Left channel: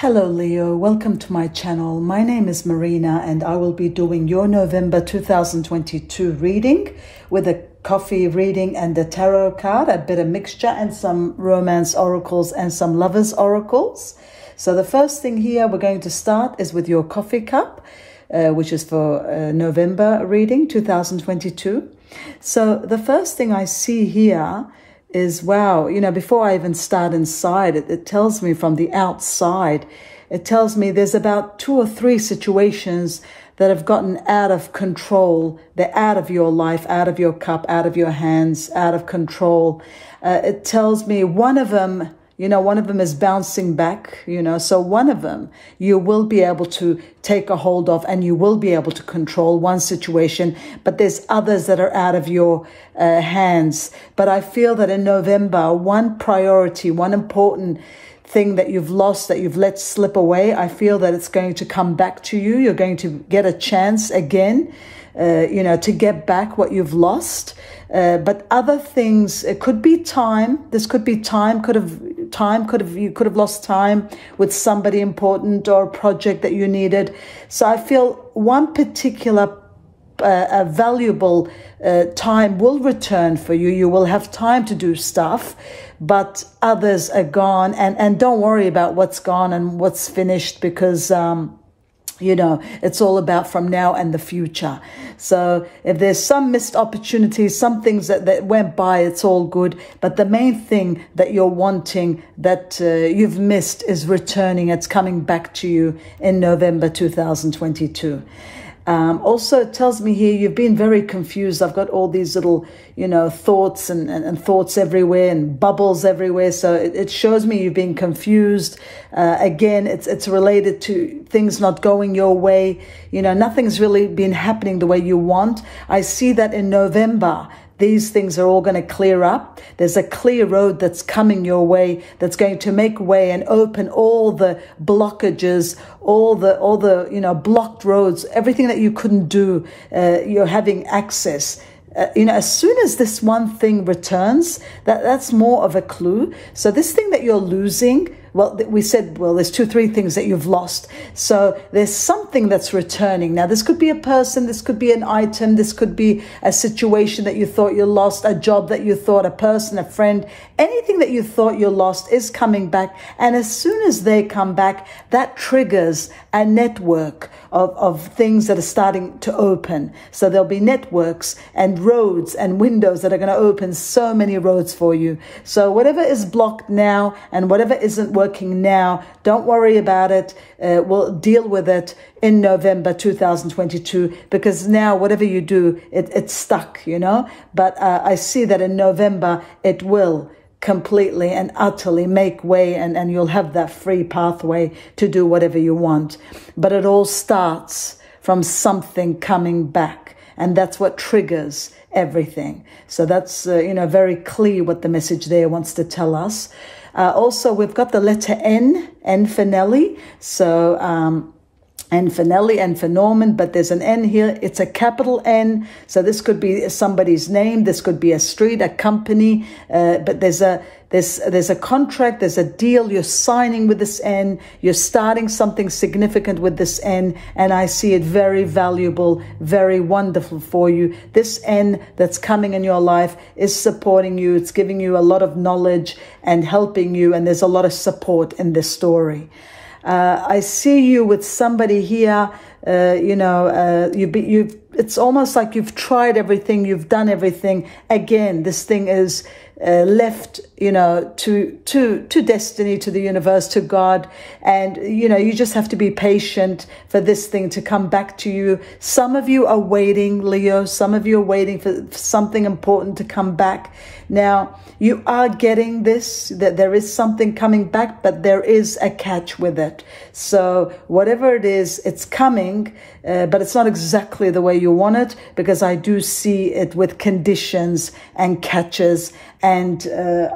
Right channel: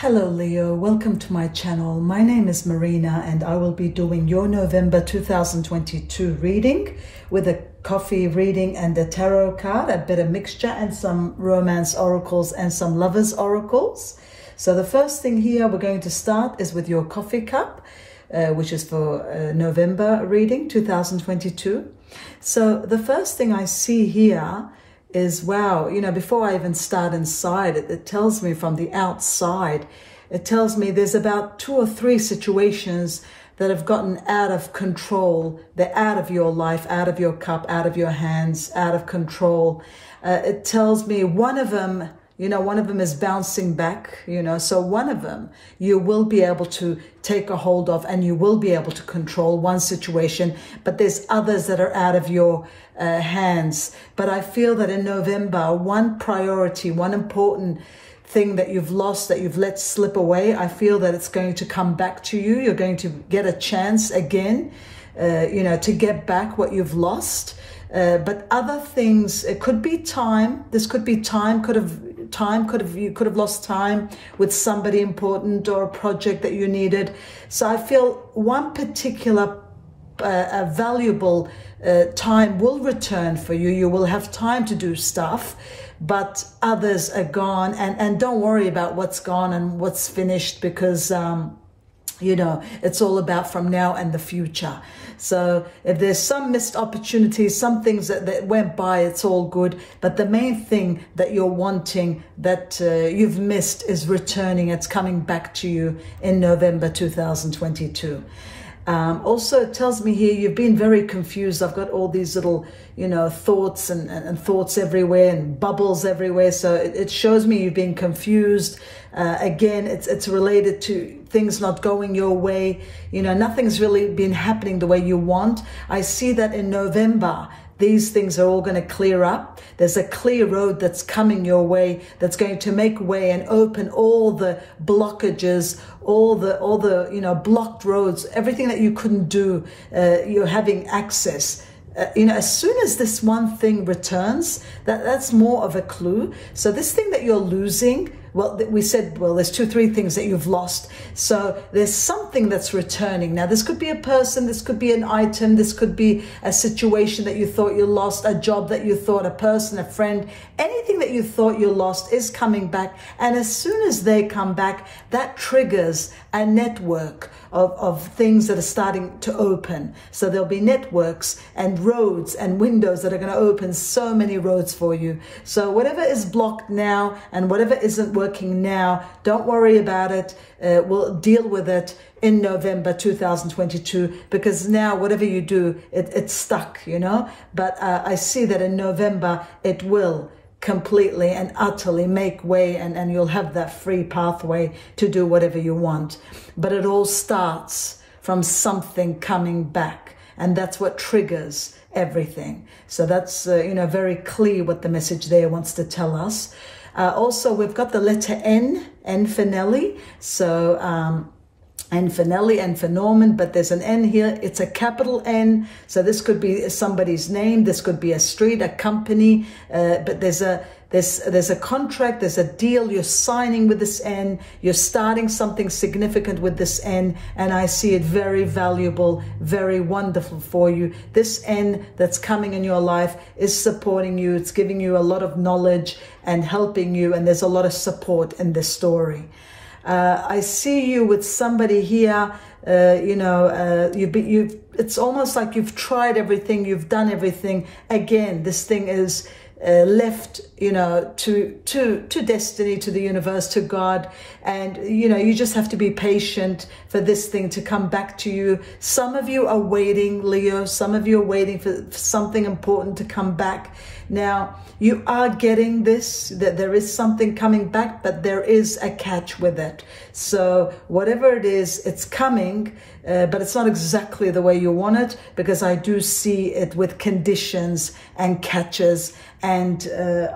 Hello Leo, welcome to my channel. My name is Marina and I will be doing your November 2022 reading with a coffee reading and a tarot card, a bit of mixture and some romance oracles and some lovers oracles. So the first thing here we're going to start is with your coffee cup, which is for November reading 2022. So the first thing I see here is, wow, you know, before I even start inside, it tells me from the outside, it tells me there's about 2 or 3 situations that have gotten out of control. They're out of your life, out of your cup, out of your hands, out of control. It tells me one of them, you know, one of them is bouncing back, you know, so one of them you will be able to take a hold of and you will be able to control one situation, but there's others that are out of your hands. But I feel that in November, one priority, one important thing that you've lost, that you've let slip away, I feel that it's going to come back to you. You're going to get a chance again, you know, to get back what you've lost. But other things, it could be time. This could be time. You could have lost time with somebody important or a project that you needed. So I feel one particular valuable time will return for you. You will have time to do stuff, but others are gone. And don't worry about what's gone and what's finished, because you know, it's all about from now and the future. So if there's some missed opportunities, some things that went by, it's all good. But the main thing that you're wanting, that you've missed, is returning. It's coming back to you in November 2022. Also, it tells me here you've been very confused. I've got all these little, you know, thoughts and thoughts everywhere and bubbles everywhere. So it shows me you've been confused. Again, it's related to things not going your way. You know, nothing's really been happening the way you want. I see that in November, these things are all going to clear up. There's a clear road that's coming your way, that's going to make way and open all the blockages, all the you know, blocked roads, everything that you couldn't do. You're having access. You know, as soon as this one thing returns, that's more of a clue. So this thing that you're losing, well, we said, well, there's 2 or 3 things that you've lost. So there's something that's returning. Now, this could be a person, this could be an item, this could be a situation that you thought you lost, a job that you thought, a person, a friend, anything that you thought you lost is coming back. And as soon as they come back, that triggers a network of things that are starting to open. So there'll be networks and roads and windows that are going to open so many roads for you. So whatever is blocked now and whatever isn't working now, don't worry about it. We'll deal with it in November 2022, because now whatever you do, it's stuck, you know. But I see that in November, it will completely and utterly make way, and you'll have that free pathway to do whatever you want. But it all starts from something coming back, and that's what triggers everything. So that's, you know, very clear what the message there wants to tell us. Also, we've got the letter N for Nelly. So, N for Nelly, N for Norman, but there's an N here. It's a capital N. So this could be somebody's name. This could be a street, a company. But there's a contract, there's a deal you're signing with this N. You're starting something significant with this N. And I see it very valuable, very wonderful for you. This N that's coming in your life is supporting you. It's giving you a lot of knowledge and helping you. And there's a lot of support in this story. I see you with somebody here, you know, it's almost like you've tried everything, you've done everything. Again, this thing is left, you know, to destiny, to the universe, to God. And, you know, you just have to be patient for this thing to come back to you. Some of you are waiting, Leo. Some of you are waiting for something important to come back. Now, you are getting this, that there is something coming back, but there is a catch with it. So whatever it is, it's coming, but it's not exactly the way you want it, because I do see it with conditions and catches. And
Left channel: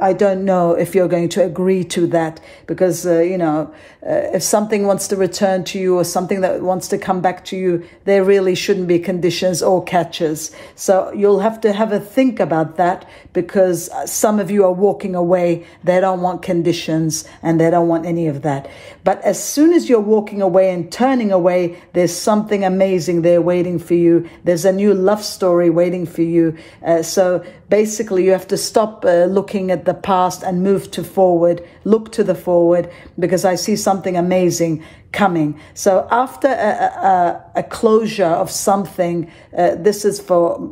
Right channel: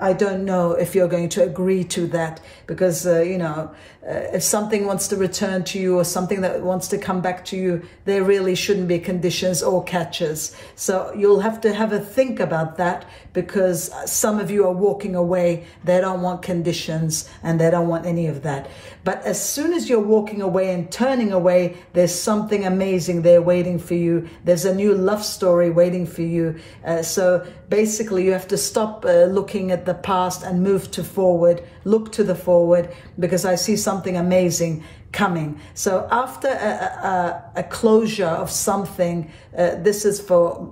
I don't know if you're going to agree to that, because, you know, if something wants to return to you or something that wants to come back to you, there really shouldn't be conditions or catches. So you'll have to have a think about that, because because some of you are walking away. They don't want conditions and they don't want any of that. But as soon as you're walking away and turning away, there's something amazing there waiting for you. There's a new love story waiting for you. So basically you have to stop looking at the past and move to forward. Look to the forward, because I see something amazing coming. So after a closure of something, this is for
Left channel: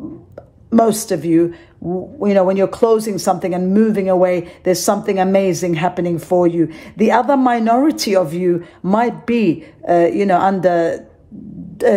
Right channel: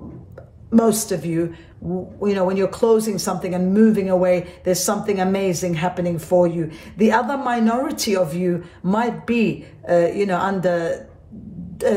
most of you, you know, when you're closing something and moving away, there's something amazing happening for you. The other minority of you might be, you know, under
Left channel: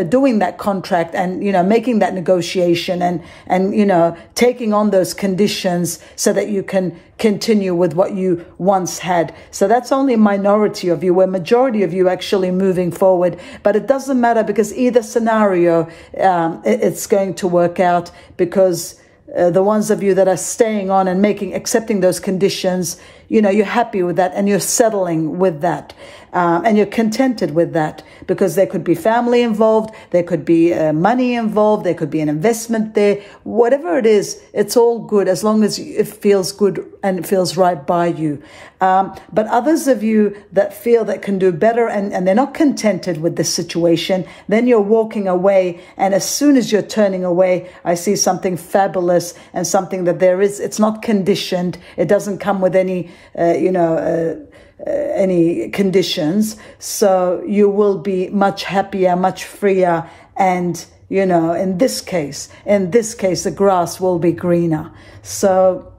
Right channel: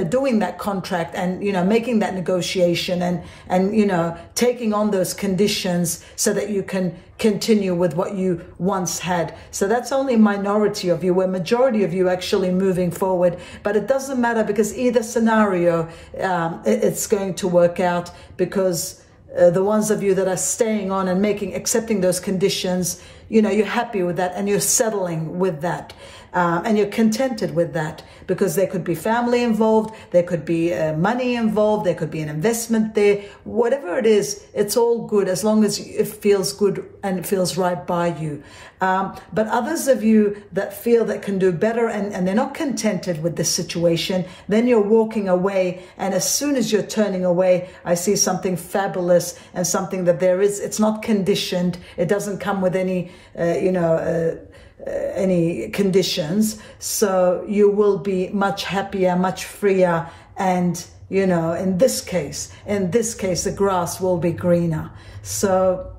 doing that contract and, you know, making that negotiation and, you know, taking on those conditions so that you can continue with what you once had. So that's only a minority of you, where majority of you actually moving forward. But it doesn't matter, because either scenario, it's going to work out, because the ones of you that are staying on and accepting those conditions, you know, you're happy with that and you're settling with that. And you're contented with that, because there could be family involved, there could be money involved, there could be an investment there. Whatever it is, it's all good as long as it feels good and it feels right by you. But others of you that feel that can do better and they're not contented with this situation, then you're walking away. And as soon as you're turning away, I see something fabulous and something that it's not conditioned. It doesn't come with any, you know, any conditions. So you will be much happier, much freer. And, you know, in this case, the grass will be greener. So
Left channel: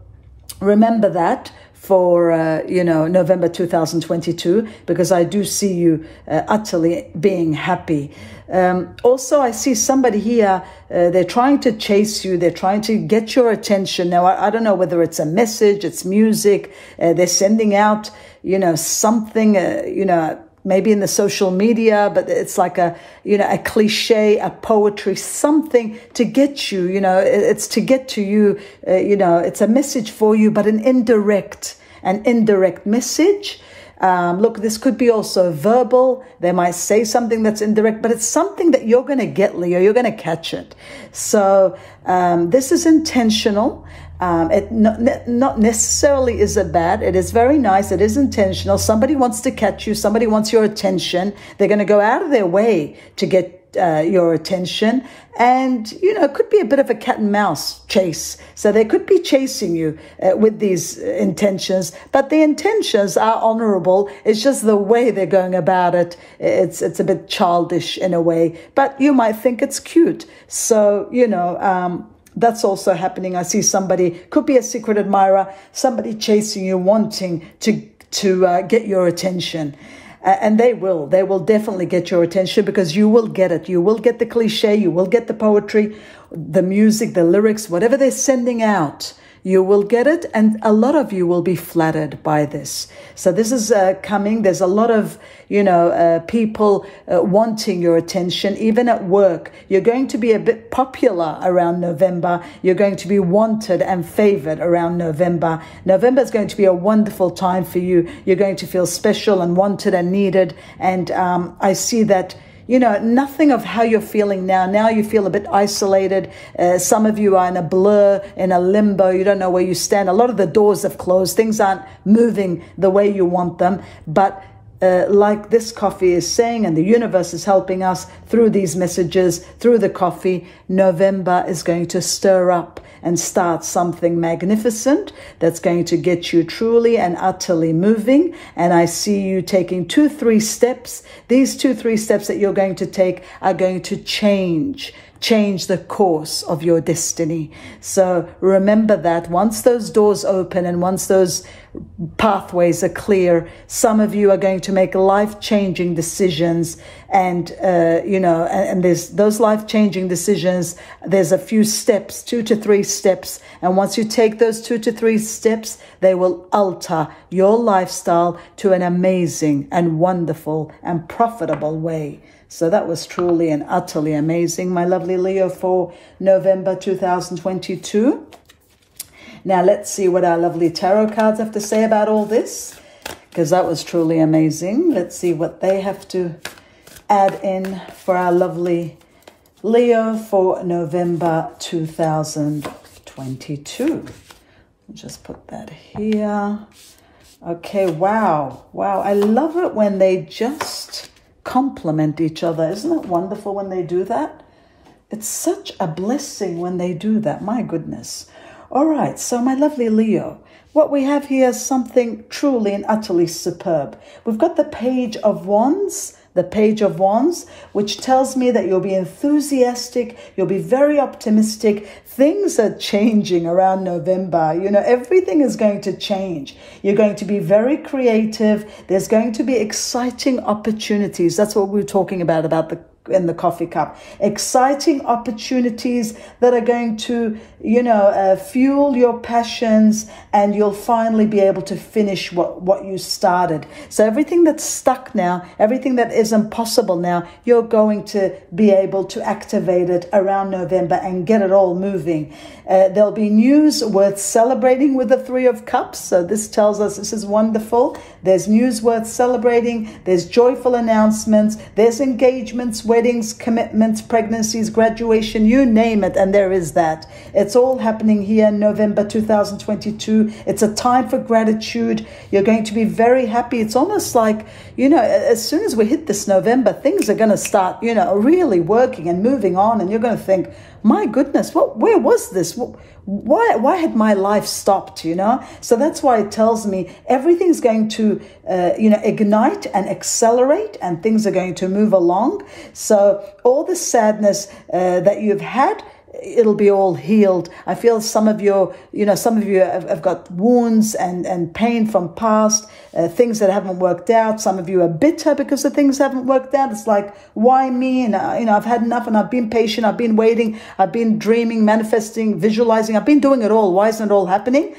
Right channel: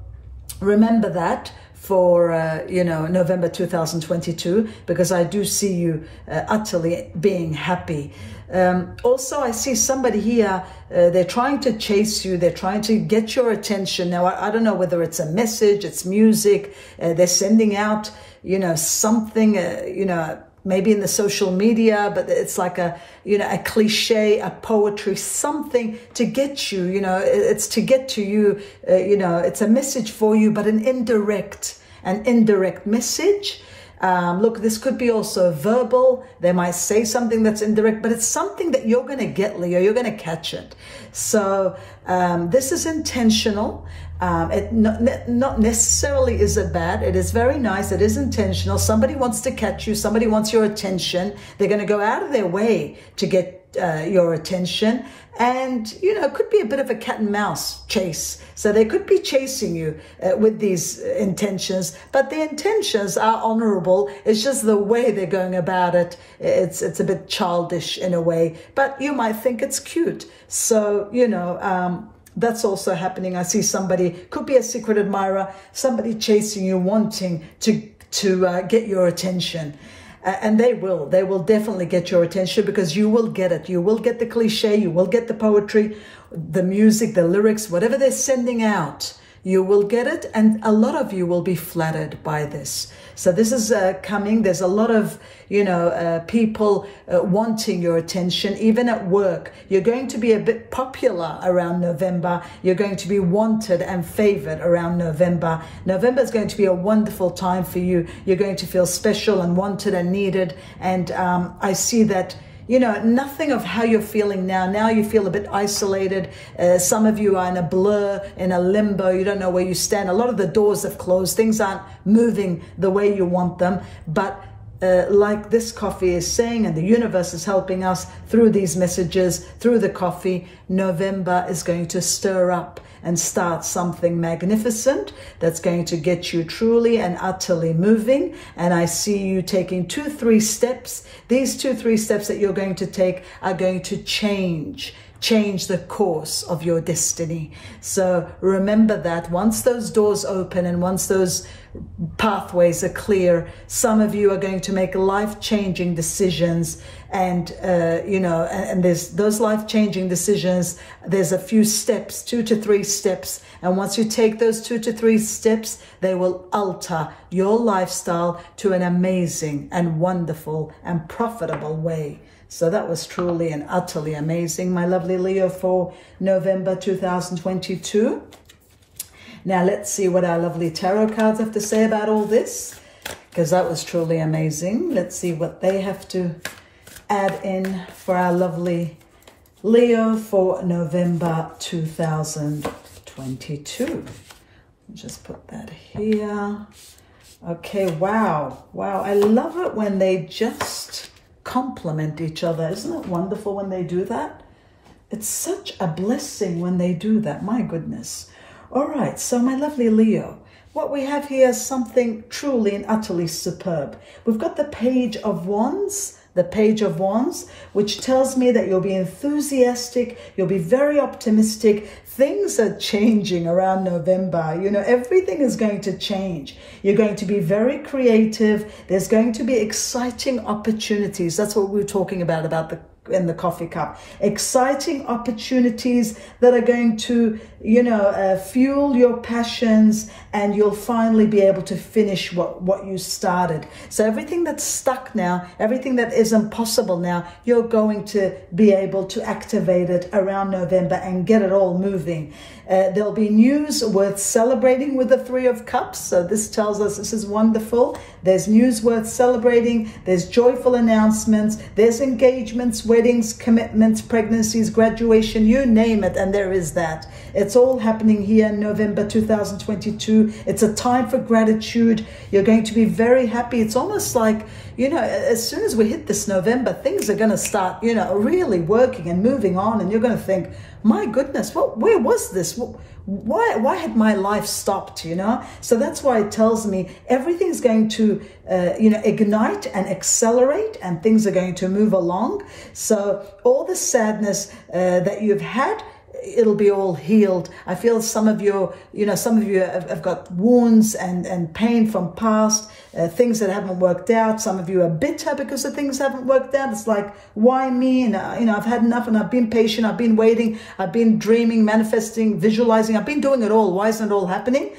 remember that for, you know, November 2022, because I do see you utterly being happy. Also, I see somebody here, they're trying to chase you. They're trying to get your attention. Now, I don't know whether it's a message, it's music. They're sending out, you know, something, you know, maybe in the social media, but it's like a, you know, a cliche, a poetry, something to get you, you know, it's to get to you, you know, it's a message for you, but an indirect message. Look, this could be also verbal. They might say something that's indirect, but it's something that you're going to get, Leo. You're going to catch it. So this is intentional. It not necessarily is it bad. It is very nice. It is intentional. Somebody wants to catch you. Somebody wants your attention. They're going to go out of their way to get your attention. And, you know, it could be a bit of a cat and mouse chase. So they could be chasing you with these intentions, but the intentions are honorable. It's just the way they're going about it. It's a bit childish in a way, but you might think it's cute. So, you know, that's also happening. I see somebody, could be a secret admirer, somebody chasing you, wanting to get your attention. And they will definitely get your attention, because you will get it. You will get the cliche, you will get the poetry, the music, the lyrics, whatever they're sending out, you will get it. And a lot of you will be flattered by this. So this is coming. There's a lot of, you know, people wanting your attention, even at work. You're going to be a bit popular around November. You're going to be wanted and favored around November. November is going to be a wonderful time for you. You're going to feel special and wanted and needed. And I see that, you know, nothing of how you're feeling now. Now you feel a bit isolated. Some of you are in a blur, in a limbo. You don't know where you stand. A lot of the doors have closed. Things aren't moving the way you want them. But like this coffee is saying, and the universe is helping us through these messages, through the coffee, November is going to stir up and start something magnificent that's going to get you truly and utterly moving. And I see you taking 2-3 steps. These 2-3 steps that you're going to take are going to change the course of your destiny. So remember that once those doors open and once those pathways are clear, some of you are going to make life-changing decisions. And, you know, and there's those life-changing decisions, there's a few steps, 2 to 3 steps. And once you take those 2 to 3 steps, they will alter your lifestyle to an amazing and wonderful and profitable way. So that was truly and utterly amazing, my lovely Leo, for November 2022. Now let's see what our lovely tarot cards have to say about all this, because that was truly amazing. Let's see what they have to add in for our lovely Leo for November 2022. Just put that here. Okay, wow. Wow, I love it when they just complement each other. Isn't it wonderful when they do that? It's such a blessing when they do that. My goodness. All right, so my lovely Leo, what we have here is something truly and utterly superb. We've got the Page of Wands. The Page of Wands, which tells me that you'll be enthusiastic, you'll be very optimistic. Things are changing around November. You know, everything is going to change. You're going to be very creative. There's going to be exciting opportunities. That's what we were talking about in the coffee cup. Exciting opportunities that are going to, you know, fuel your passions, and you'll finally be able to finish what you started. So everything that's stuck now, everything that isn't possible now, you're going to be able to activate it around November and get it all moving. There'll be news worth celebrating with the Three of Cups. So this tells us this is wonderful. There's news worth celebrating. There's joyful announcements. There's engagements, weddings, commitments, pregnancies, graduation, you name it, and there is that. It's all happening here in November 2022. It's a time for gratitude. You're going to be very happy. It's almost like, you know, as soon as we hit this November, things are going to start, you know, really working and moving on, and you're going to think, my goodness, where was this? Why had my life stopped, you know? So that's why it tells me everything's going to, you know, ignite and accelerate, and things are going to move along. So all the sadness that you've had, it'll be all healed. I feel some of you, some of you have got wounds and pain from past, things that haven't worked out. Some of you are bitter because the things haven't worked out. It's like, why me? And, I've had enough, and I've been patient. I've been waiting. I've been dreaming, manifesting, visualizing. I've been doing it all. Why isn't it all happening?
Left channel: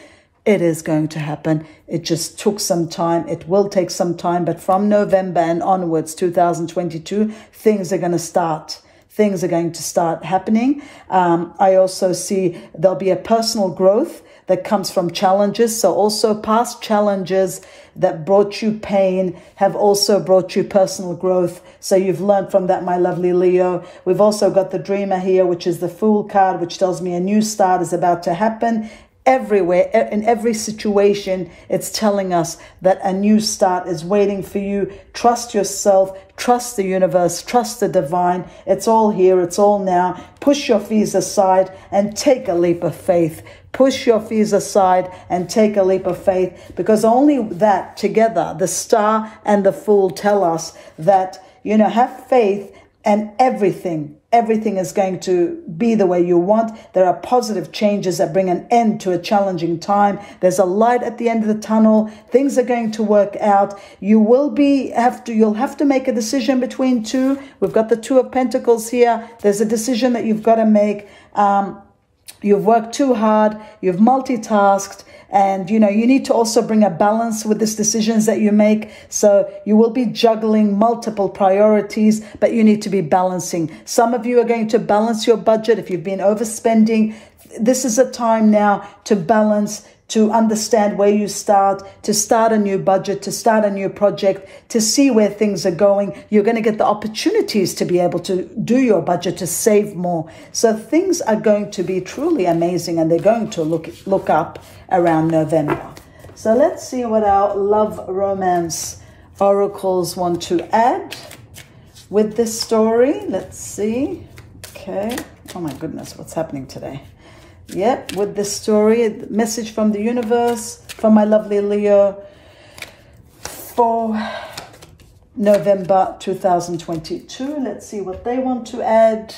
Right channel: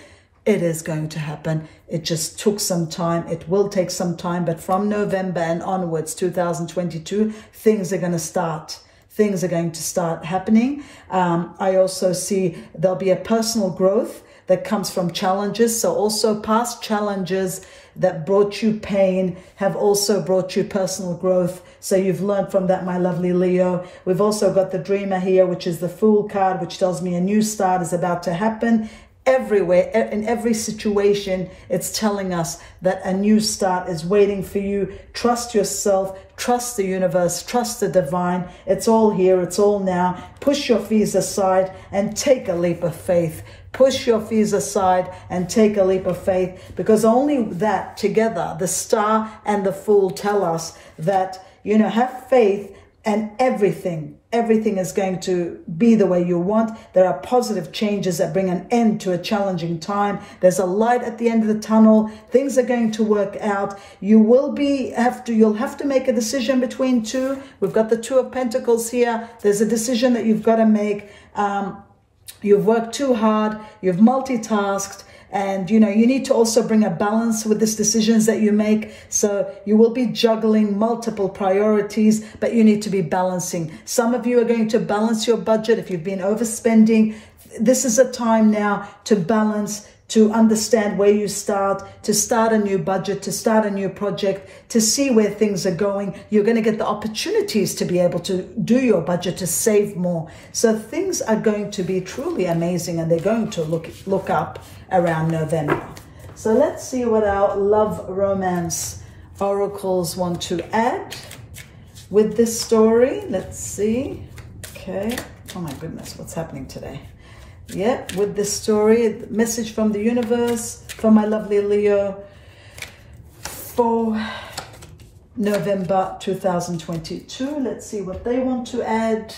It is going to happen. It just took some time. It will take some time. But from November and onwards, 2022, things are going to start. Things are going to start happening. I also see there'll be a personal growth that comes from challenges. So also past challenges that brought you pain have also brought you personal growth. So you've learned from that, my lovely Leo. We've also got the Dreamer here, which is the Fool card, which tells me a new start is about to happen. Everywhere, in every situation, it's telling us that a new start is waiting for you. Trust yourself, trust the universe, trust the divine. It's all here, it's all now. Push your fears aside and take a leap of faith. Push your fears aside and take a leap of faith, because only that together, the Star and the Fool, tell us that, have faith, and everything is going to be the way you want. There are positive changes that bring an end to a challenging time. There's a light at the end of the tunnel. Things are going to work out. You'll have to make a decision between two. We've got the Two of Pentacles here. There's a decision that you've got to make. You've worked too hard. You've multitasked. And, you need to also bring a balance with these decisions that you make. So you will be juggling multiple priorities, but you need to be balancing. Some of you are going to balance your budget. If you've been overspending, this is a time now to balance, to understand where you start, to start a new budget, to start a new project, to see where things are going. You're going to get the opportunities to be able to do your budget, to save more. So things are going to be truly amazing, and they're going to look up around November. So let's see what our love romance oracles want to add with this story. Let's see. Okay. Oh my goodness, what's happening today? Yeah, with this story, message from the universe for my lovely Leo for November 2022. Let's see what they want to add.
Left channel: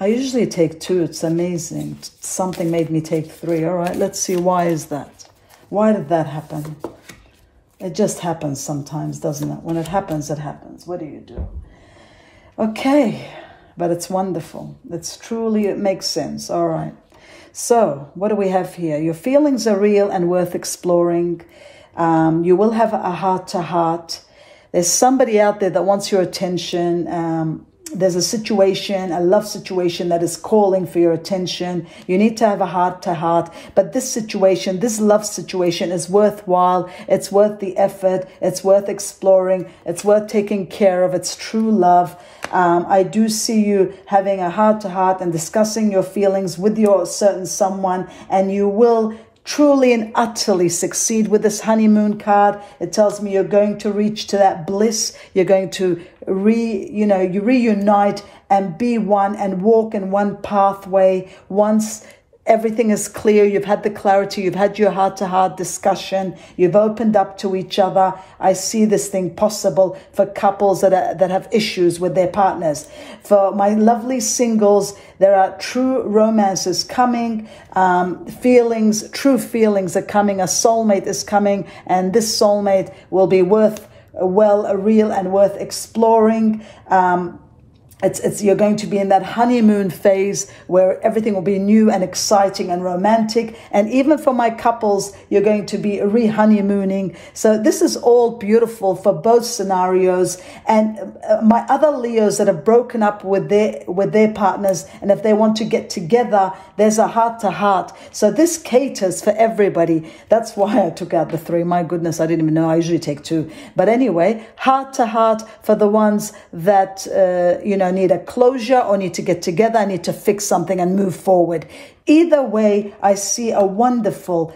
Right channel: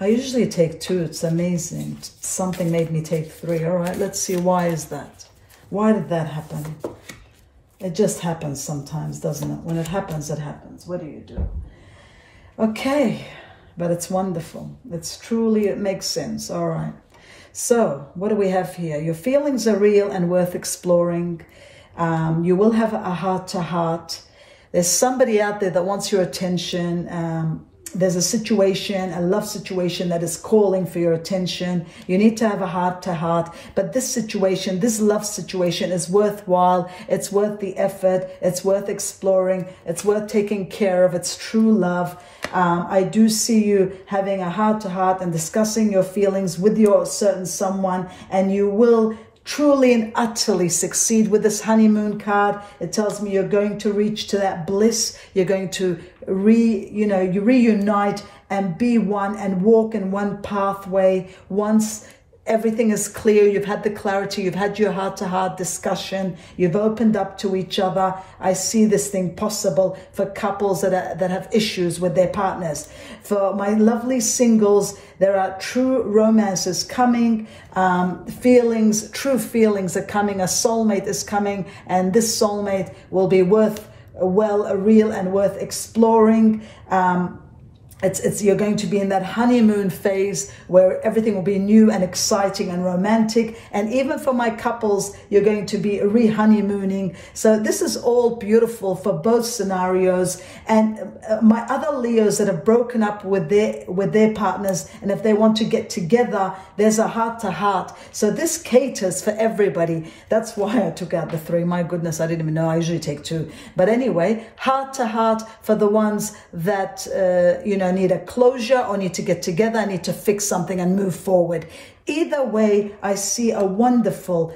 I usually take two. It's amazing. Something made me take three. All right, let's see. Why is that? Why did that happen? It just happens sometimes, doesn't it? When it happens, it happens. What do you do? Okay, but it's wonderful. It makes sense. All right. So what do we have here? Your feelings are real and worth exploring. You will have a heart-to-heart. There's somebody out there that wants your attention. There's a situation, a love situation that is calling for your attention. You need to have a heart-to-heart. But this situation, this love situation is worthwhile. It's worth the effort. It's worth exploring. It's worth taking care of. It's true love. I do see you having a heart-to-heart and discussing your feelings with your certain someone, and you will truly and utterly succeed with this honeymoon card. It tells me you're going to reach to that bliss. You're going to you reunite and be one and walk in one pathway once everything is clear. You've had the clarity. You've had your heart-to-heart discussion. You've opened up to each other. I see this thing possible for couples that have issues with their partners. For my lovely singles, there are true romances coming. True feelings are coming. A soulmate is coming, and this soulmate will be real and worth exploring. You're going to be in that honeymoon phase where everything will be new and exciting and romantic. And even for my couples, you're going to be re-honeymooning. So this is all beautiful for both scenarios. And my other Leos that have broken up with their partners, and if they want to get together, there's a heart-to-heart. So this caters for everybody. That's why I took out the 3. My goodness, I didn't even know. I usually take 2. But anyway, heart-to-heart for the ones that, need a closure or need to get together, need to fix something and move forward. Either way, I see a wonderful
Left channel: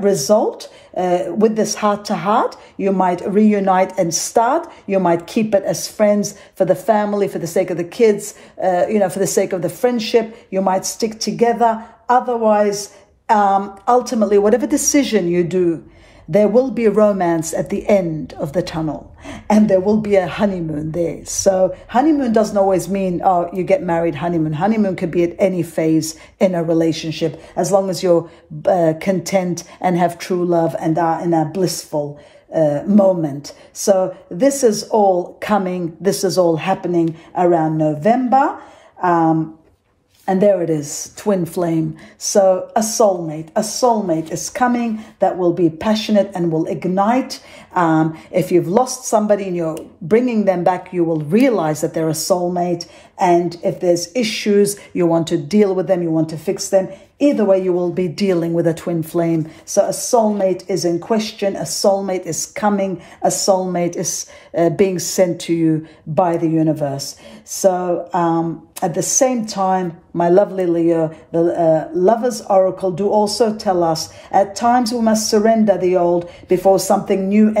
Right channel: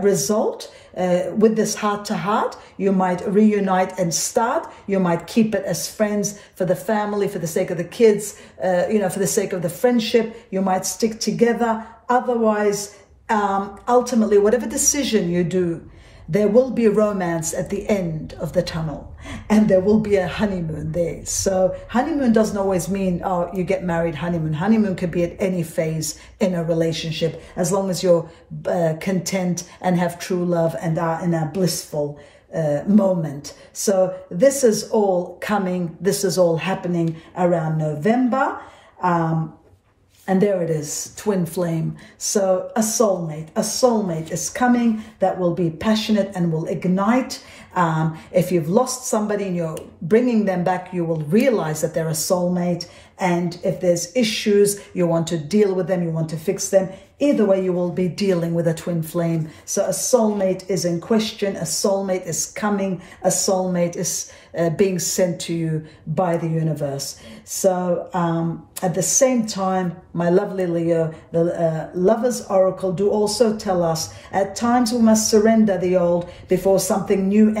result with this heart-to-heart. You might reunite and start. You might keep it as friends for the family, for the sake of the kids, for the sake of the friendship. You might stick together. Otherwise, ultimately, whatever decision you do, there will be romance at the end of the tunnel, and there will be a honeymoon there. So honeymoon doesn't always mean, oh, you get married, honeymoon. Honeymoon could be at any phase in a relationship, as long as you're content and have true love and are in a blissful moment. So this is all coming. This is all happening around November. And there it is, twin flame. So a soulmate is coming that will be passionate and will ignite. If you've lost somebody and you're bringing them back, you will realize that they're a soulmate. And if there's issues, you want to deal with them, you want to fix them. Either way, you will be dealing with a twin flame. So a soulmate is in question. A soulmate is coming. A soulmate is being sent to you by the universe. So at the same time, my lovely Leo, the Lover's Oracle do also tell us at times we must surrender the old before something new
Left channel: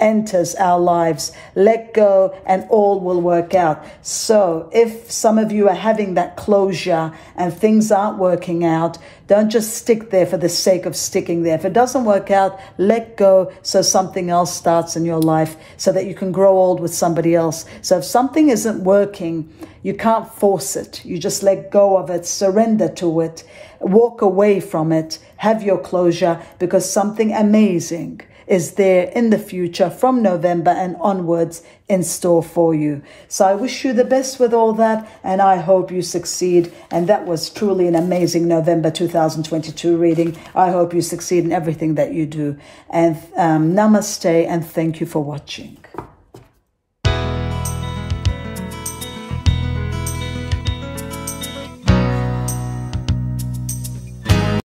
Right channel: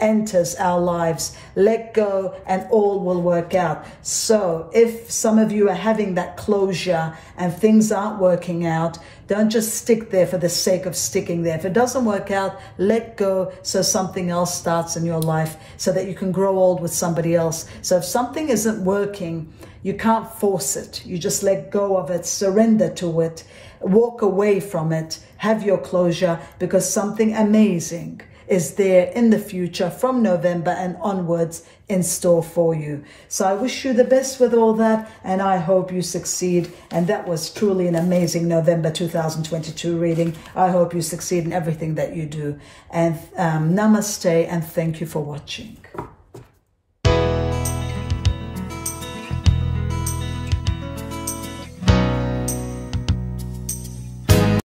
enters our lives. Let go and all will work out. So if some of you are having that closure and things aren't working out, don't just stick there for the sake of sticking there. If it doesn't work out, let go so something else starts in your life, so that you can grow old with somebody else. So if something isn't working, you can't force it. You just let go of it, surrender to it, walk away from it, have your closure, because something amazing is there in the future from November and onwards in store for you. So I wish you the best with all that, and I hope you succeed. And that was truly an amazing November 2022 reading. I hope you succeed in everything that you do. And namaste, and thank you for watching.